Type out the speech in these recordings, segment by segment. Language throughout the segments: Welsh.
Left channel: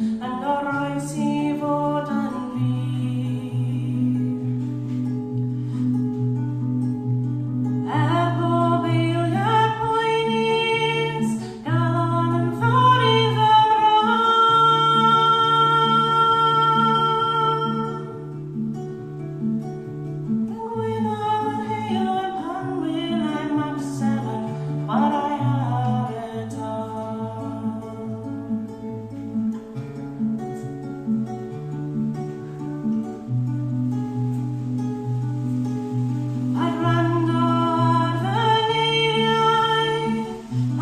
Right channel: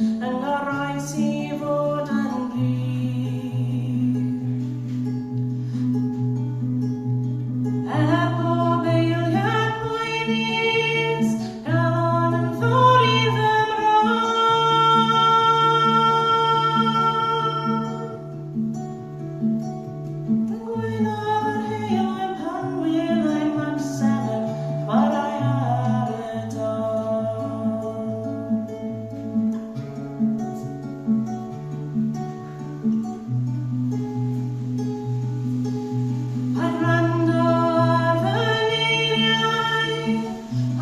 yn y rhain sy'n fod yn glir. Bob eiliad poenus, galon yn fawr i fy Gwynodd yr heulwen pan wyddai mam sefyll chwarae ar y don. Paid gwrando ar fy ngeiriau,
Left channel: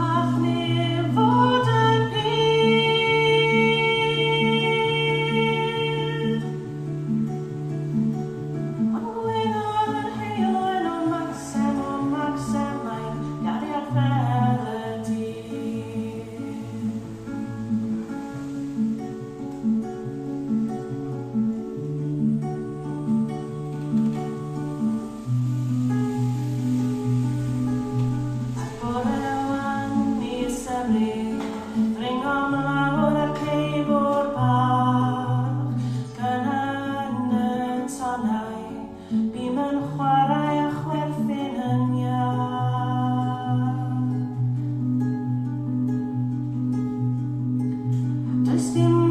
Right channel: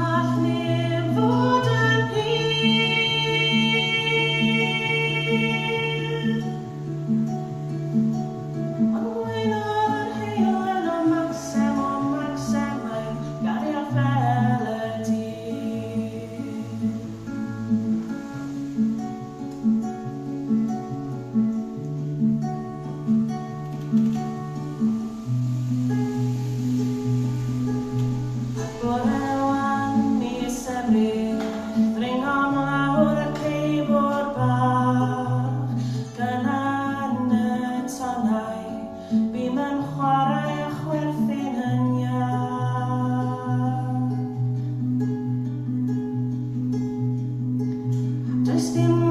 all neb fod yn pur. Ond gwynodd yr heulwen o Maxem, mae'n gariad fel y dydd. Goreon mis Ebrill, ddringo mlawr y ceibwr bach, gyna yn y tonnau, bym yn chwarae a chwerthin yn iach. Does dim